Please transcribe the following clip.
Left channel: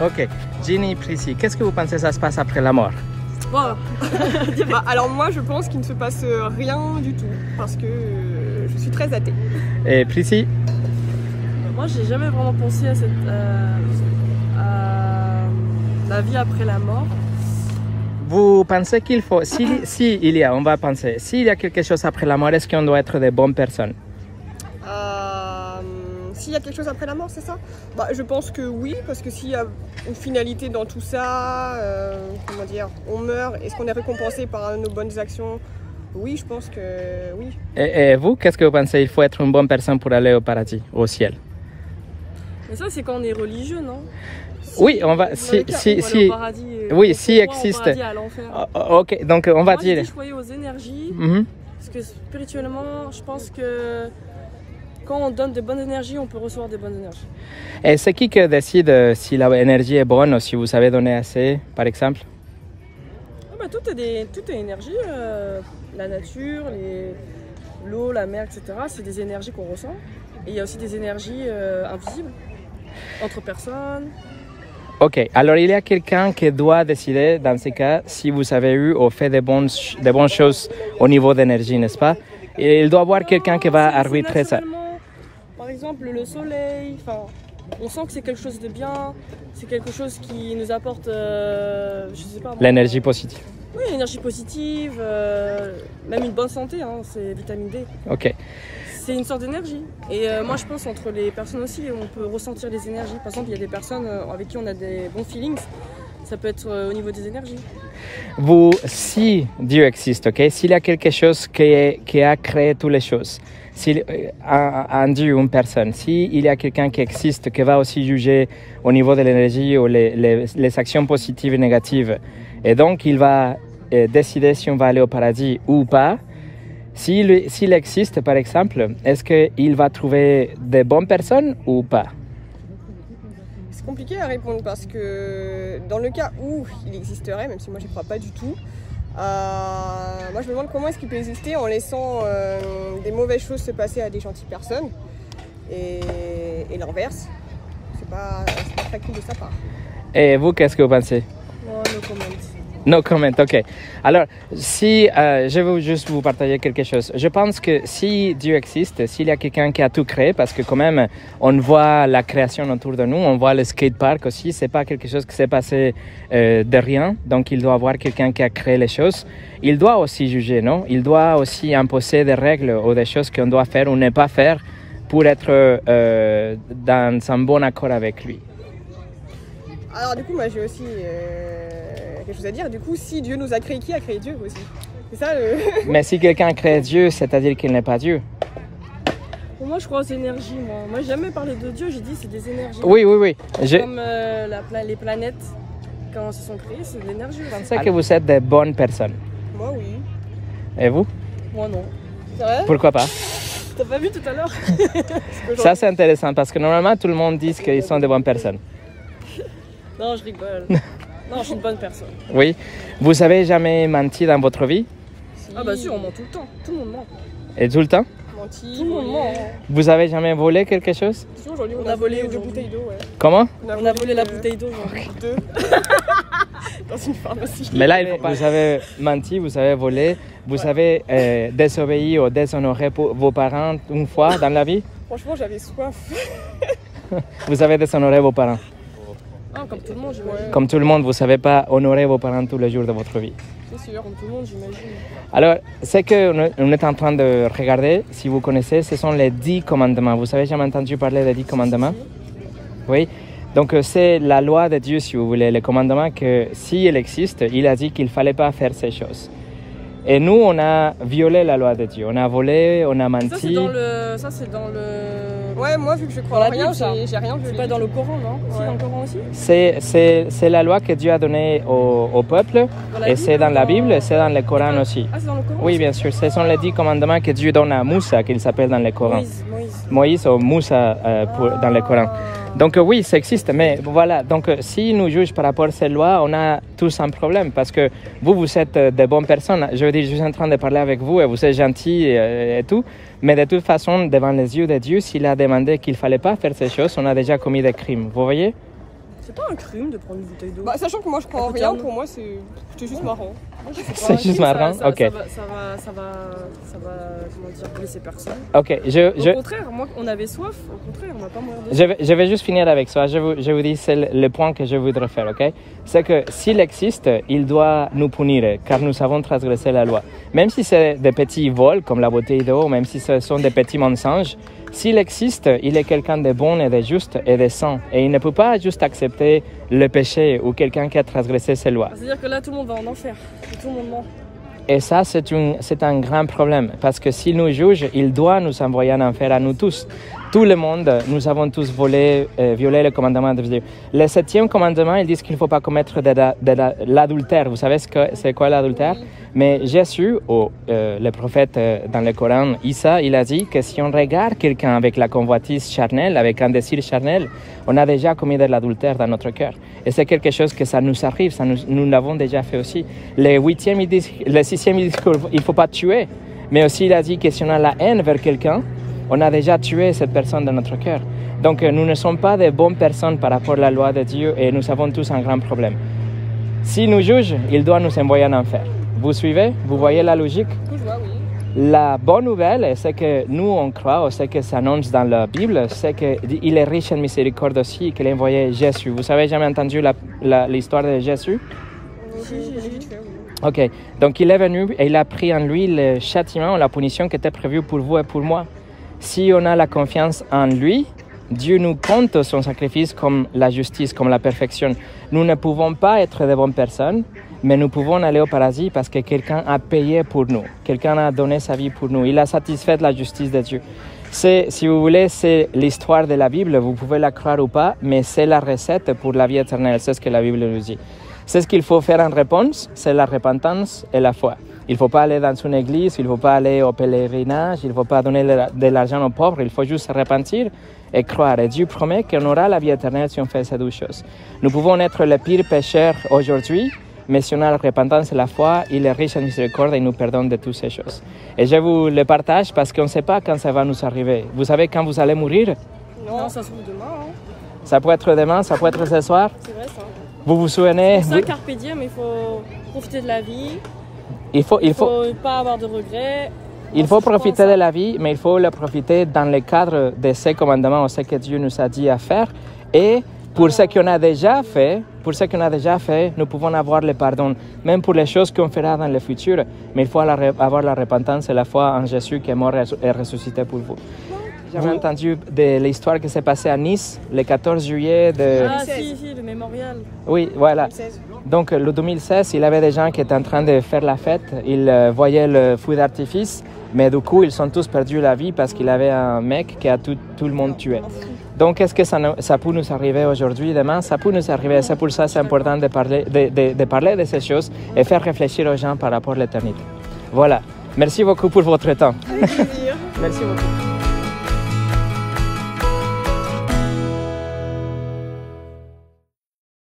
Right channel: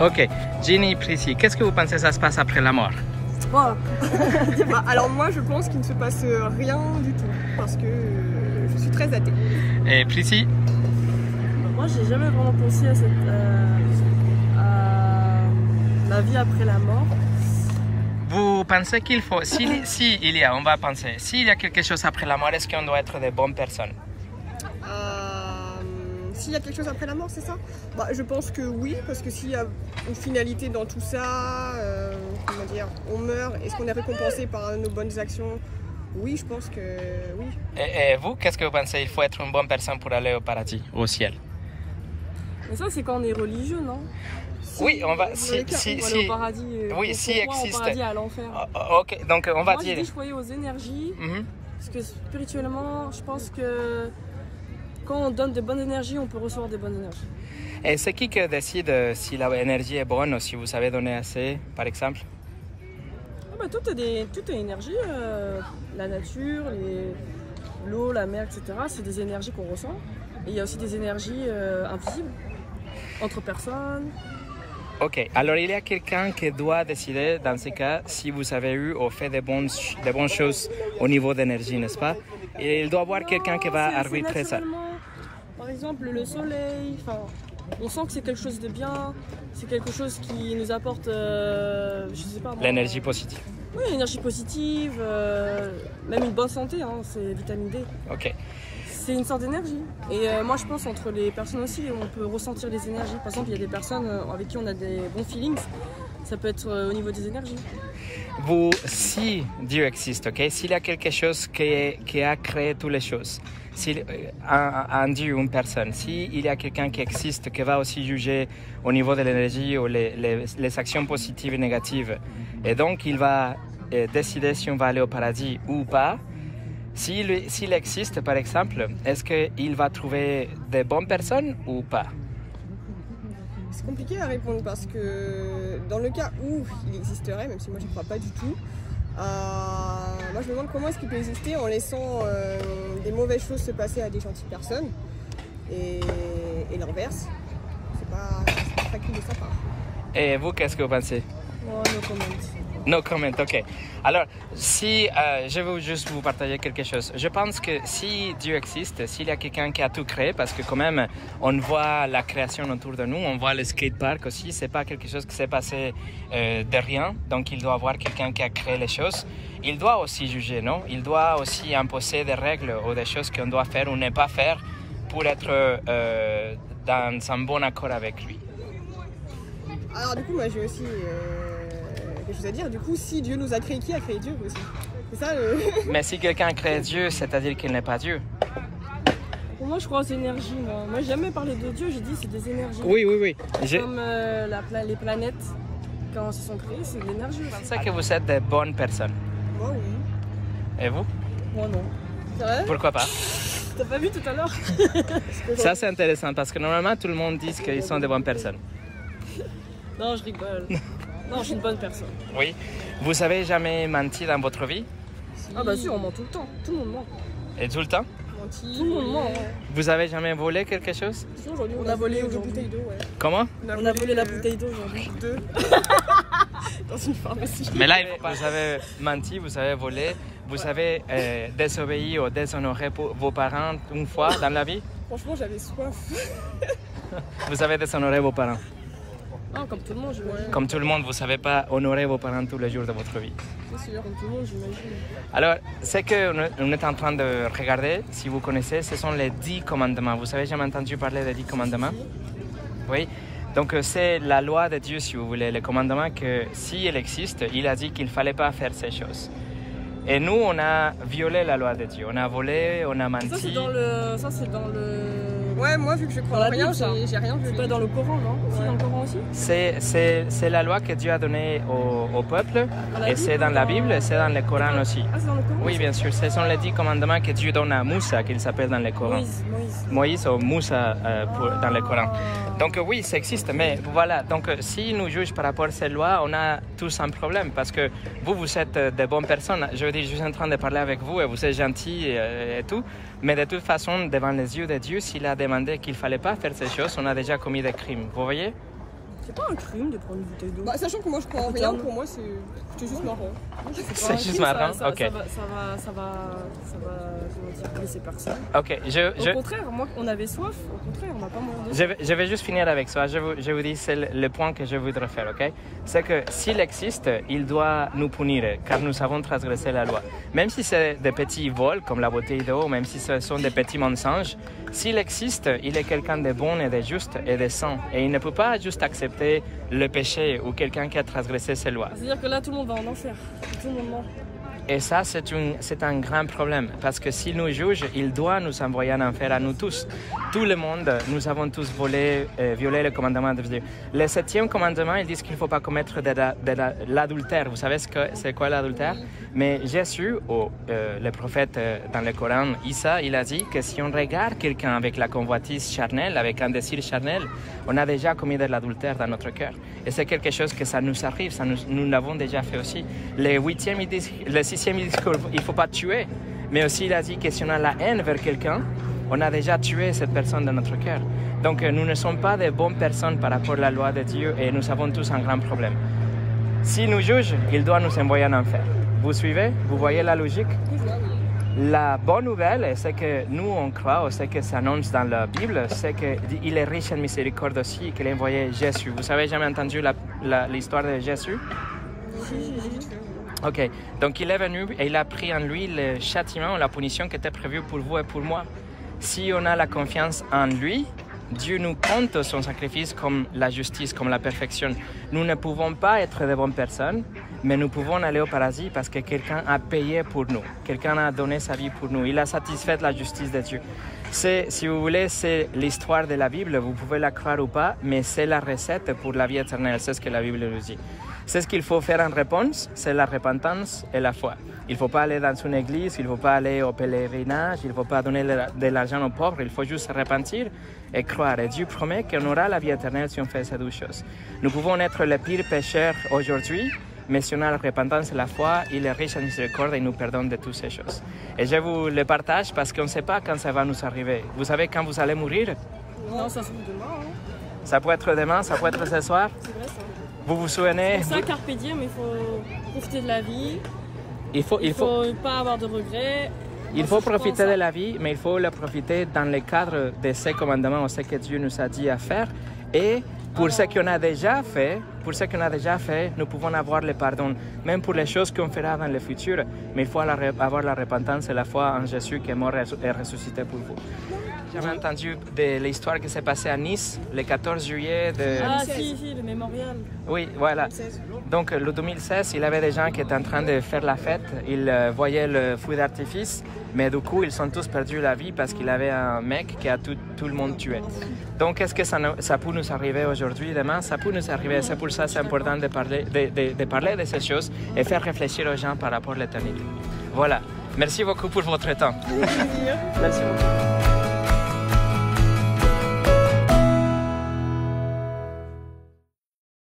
Ok. Ginny, Prissy, qu'est-ce que vous pensez que ça se passe après la mort? Bah, alors moi je pense qu'il ne se passe rien du tout parce que je suis très athée. Et Prissy? Moi j'ai jamais vraiment pensé à la vie après la mort. Vous pensez qu'il faut, on va penser, s'il y a quelque chose après la mort, est-ce qu'on doit être des bonnes personnes? S'il y a quelque chose après la mort, c'est ça? Bah, je pense que oui, parce que s'il y a une finalité dans tout ça, comment dire, on meurt, est-ce qu'on est récompensé par nos bonnes actions? Oui, je pense que oui. Et vous, qu'est-ce que vous pensez? Il faut être une bonne personne pour aller au paradis, au ciel? Mais ça, c'est quand on est religieux, non? Oui, on va. Au paradis, oui, si existe. Au paradis, à l'enfer. Ok, donc on va Moi, dire. Je croyais aux énergies, parce que spirituellement, je pense que quand on donne de bonnes énergies, on peut recevoir des bonnes énergies. Et c'est qui décide si l'énergie est bonne ou si vous savez donner assez, par exemple? Tout est énergie. La nature, l'eau, la mer, etc. C'est des énergies qu'on ressent. Et il y a aussi des énergies invisibles entre personnes. Ok, alors il y a quelqu'un qui doit décider, dans ce cas, si vous avez eu ou fait des bonnes choses au niveau d'énergie, n'est-ce pas? Et il doit y avoir quelqu'un qui va arbitrer ça. Par exemple, le soleil, on sent que c'est quelque chose de bien, c'est quelque chose qui nous apporte, je sais pas. L'énergie positive. Oui, l'énergie positive, même une bonne santé, hein, c'est vitamine D. Ok. C'est une sorte d'énergie. Et moi, je pense entre les personnes aussi, on peut ressentir des énergies. Par exemple, il y a des personnes avec qui on a des bons feelings. Ça peut être au niveau des énergies. Si Dieu existe, ok, s'il y a quelque chose qui a créé toutes les choses, un Dieu, une personne, s'il y a quelqu'un qui existe, qui va aussi juger au niveau de l'énergie ou les actions positives et négatives, et donc il va décider si on va aller au paradis ou pas. S'il existe, par exemple, est-ce qu'il va trouver des bonnes personnes ou pas? C'est compliqué à répondre parce que dans le cas où il existerait, même si moi je ne crois pas du tout, moi je me demande comment est-ce qu'il peut exister en laissant des mauvaises choses se passer à des gentilles personnes et l'inverse. C'est pas très cool de sa part. Et vous, qu'est-ce que vous pensez? No comment. No comment, ok. Alors, je veux juste vous partager quelque chose. Je pense que si Dieu existe, s'il y a quelqu'un qui a tout créé, parce que quand même, on voit la création autour de nous, on voit le skatepark aussi, c'est pas quelque chose qui s'est passé de rien, donc il doit y avoir quelqu'un qui a créé les choses. Il doit aussi juger, non? Il doit aussi imposer des règles ou des choses qu'on doit faire ou ne pas faire pour être dans un bon accord avec lui. Alors du coup, moi j'ai aussi quelque chose à dire. Du coup, si Dieu nous a créé, qui a créé Dieu aussi? C'est ça le... Mais si quelqu'un a créé Dieu, c'est-à-dire qu'il n'est pas Dieu. Pour moi, je crois aux énergies. Moi, j'ai jamais parlé de Dieu, j'ai dit c'est des énergies. Oui. Comme les planètes, quand elles se sont créées, c'est de l'énergie. Je sais que vous êtes des bonnes personnes. Moi, oui. Et vous? Moi, non. C'est vrai? Pourquoi pas? T'as pas vu tout à l'heure? Ça, c'est intéressant parce que normalement, tout le monde dit qu'ils sont des bonnes personnes. Non, je rigole. Non, je suis une bonne personne. Oui. Vous avez jamais menti dans votre vie? Ah bah si, on ment tout le temps. Tout le monde ment. Et tout le temps? Tout le monde ment. Vous avez jamais volé quelque chose? Si, aujourd'hui, on a volé deux bouteilles d'eau. Ouais. Comment? On a volé la bouteille d'eau aujourd'hui. Deux. Dans une pharmacie. Mais là, vous avez menti, vous avez volé, vous avez désobéi ou déshonoré vos parents une fois dans la vie? Franchement, j'avais soif. Vous avez déshonoré vos parents? Ah, comme tout le monde, j'imagine. Comme tout le monde, vous ne savez pas honorer vos parents tous les jours de votre vie. C'est sûr. Comme tout le monde, j'imagine. Alors, ce qu'on est en train de regarder, si vous connaissez, ce sont les 10 commandements. Vous avez jamais entendu parler des 10 commandements? Oui. Donc, c'est la loi de Dieu, si vous voulez, le commandement que, s'il existe, il a dit qu'il ne fallait pas faire ces choses. Et nous, on a violé la loi de Dieu. On a volé, on a menti. Ça, c'est dans le... Ouais, moi, vu que je crois dans à la rien, Bible, j'ai rien violé. C'est pas dans le Coran, non? Ouais. Si, dans le Coran aussi? C'est la loi que Dieu a donnée au peuple. Et c'est dans la Bible et c'est dans le Coran aussi. Ah, c'est dans le Coran? Oui, bien sûr. Ce sont les 10 commandements que Dieu donne à Moussa, qu'il s'appelle dans le Coran. Moïse ou Moussa dans le Coran. Donc oui, ça existe, mais voilà. Donc si nous jugeons par rapport à ces lois, on a tous un problème parce que vous êtes des bonnes personnes. Je veux dire, je suis en train de parler avec vous et vous êtes gentils et tout. Mais de toute façon, devant les yeux de Dieu, s'il a demandé qu'il ne fallait pas faire ces choses, on a déjà commis des crimes. Vous voyez? C'est pas un crime de prendre une bouteille d'eau. Bah, sachant que moi je prends rien, pour moi c'était juste marrant. C'est juste marrant, ok. Ça va, comment dire, blesser personne. Ok, Au contraire, moi, on avait soif, au contraire, on n'a pas mourir de soif. Je vais juste finir avec ça. Je vous dis, c'est le point que je voudrais faire, ok? C'est que s'il existe, il doit nous punir, car nous avons transgressé la loi. Même si c'est des petits vols, comme la bouteille d'eau, même si ce sont des petits mensonges, s'il existe, il est quelqu'un de bon et de juste et de saint. Et il ne peut pas juste accepter le péché ou quelqu'un qui a transgressé ses lois. C'est-à-dire que là, tout le monde va en enfer. Tout le monde ment. Et ça, c'est un grand problème, parce que s'il nous juge, il doit nous envoyer en enfer à nous tous. Tout le monde, nous avons tous violé le commandement de Dieu. Le 7e commandement, il dit qu'il ne faut pas commettre de l'adultère. Vous savez c'est quoi l'adultère? Oui. Mais Jésus, le prophète dans le Coran, Isa, il a dit que si on regarde quelqu'un avec la convoitise charnelle, avec un désir charnel, on a déjà commis de l'adultère dans notre cœur. Et c'est quelque chose que ça nous arrive, nous l'avons déjà fait aussi. Le 6e, il dit qu'il ne faut pas tuer. Mais aussi, il a dit que si on a la haine vers quelqu'un, on a déjà tué cette personne dans notre cœur. Donc, nous ne sommes pas de bonnes personnes par rapport à la loi de Dieu et nous avons tous un grand problème. S'il nous juge, il doit nous envoyer en enfer. Vous suivez? Vous voyez la logique? Oui. La bonne nouvelle, c'est que nous, on croit, c'est que ça annonce dans la Bible, c'est qu'il est riche en miséricorde aussi, qu'il a envoyé Jésus. Vous avez jamais entendu l'histoire de Jésus? Ok, donc il est venu et il a pris en lui le châtiment, la punition qui était prévue pour vous et pour moi. Si on a la confiance en lui, Dieu nous compte son sacrifice comme la justice, comme la perfection. Nous ne pouvons pas être de bonnes personnes, mais nous pouvons aller au paradis parce que quelqu'un a payé pour nous. Quelqu'un a donné sa vie pour nous. Il a satisfait la justice de Dieu. Si vous voulez, c'est l'histoire de la Bible. Vous pouvez la croire ou pas, mais c'est la recette pour la vie éternelle. C'est ce que la Bible nous dit. C'est ce qu'il faut faire en réponse, c'est la repentance et la foi. Il ne faut pas aller dans une église, il ne faut pas aller au pèlerinage, il ne faut pas donner de l'argent aux pauvres, il faut juste se repentir et croire. Et Dieu promet qu'on aura la vie éternelle si on fait ces deux choses. Nous pouvons être les pires pécheurs aujourd'hui, mais si on a la repentance et la foi, il est riche en miséricorde et il nous pardonne de toutes ces choses. Et je vous le partage parce qu'on ne sait pas quand ça va nous arriver. Vous savez quand vous allez mourir? Non, ça se trouve demain. Hein. Ça peut être demain, ça peut être ce soir. C'est vrai ça. Vous vous souvenez? C'est pour ça, carpe diem, il faut profiter de la vie. Il faut pas avoir de regrets. Il faut profiter de la vie, mais il faut le profiter dans le cadre de ces commandements, ce que Dieu nous a dit à faire. Et pour ce qu'on a déjà fait, nous pouvons avoir le pardon, même pour les choses qu'on fera dans le futur. Mais il faut avoir la repentance et la foi en Jésus qui est mort et ressuscité pour vous. J'avais entendu de l'histoire qui s'est passée à Nice le 14 juillet de... Ah si, le mémorial. Oui, voilà. 2016. Donc le 2016, il y avait des gens qui étaient en train de faire la fête. Ils voyaient le feu d'artifice, mais du coup, ils ont tous perdu la vie parce qu'il y avait un mec qui a tout le monde tué. Donc, est-ce que ça peut nous arriver aujourd'hui, demain? Ça peut nous arriver. C'est pour ça que c'est important de parler de ces choses et faire réfléchir aux gens par rapport à l'éternité. Voilà. Merci beaucoup pour votre temps. Merci.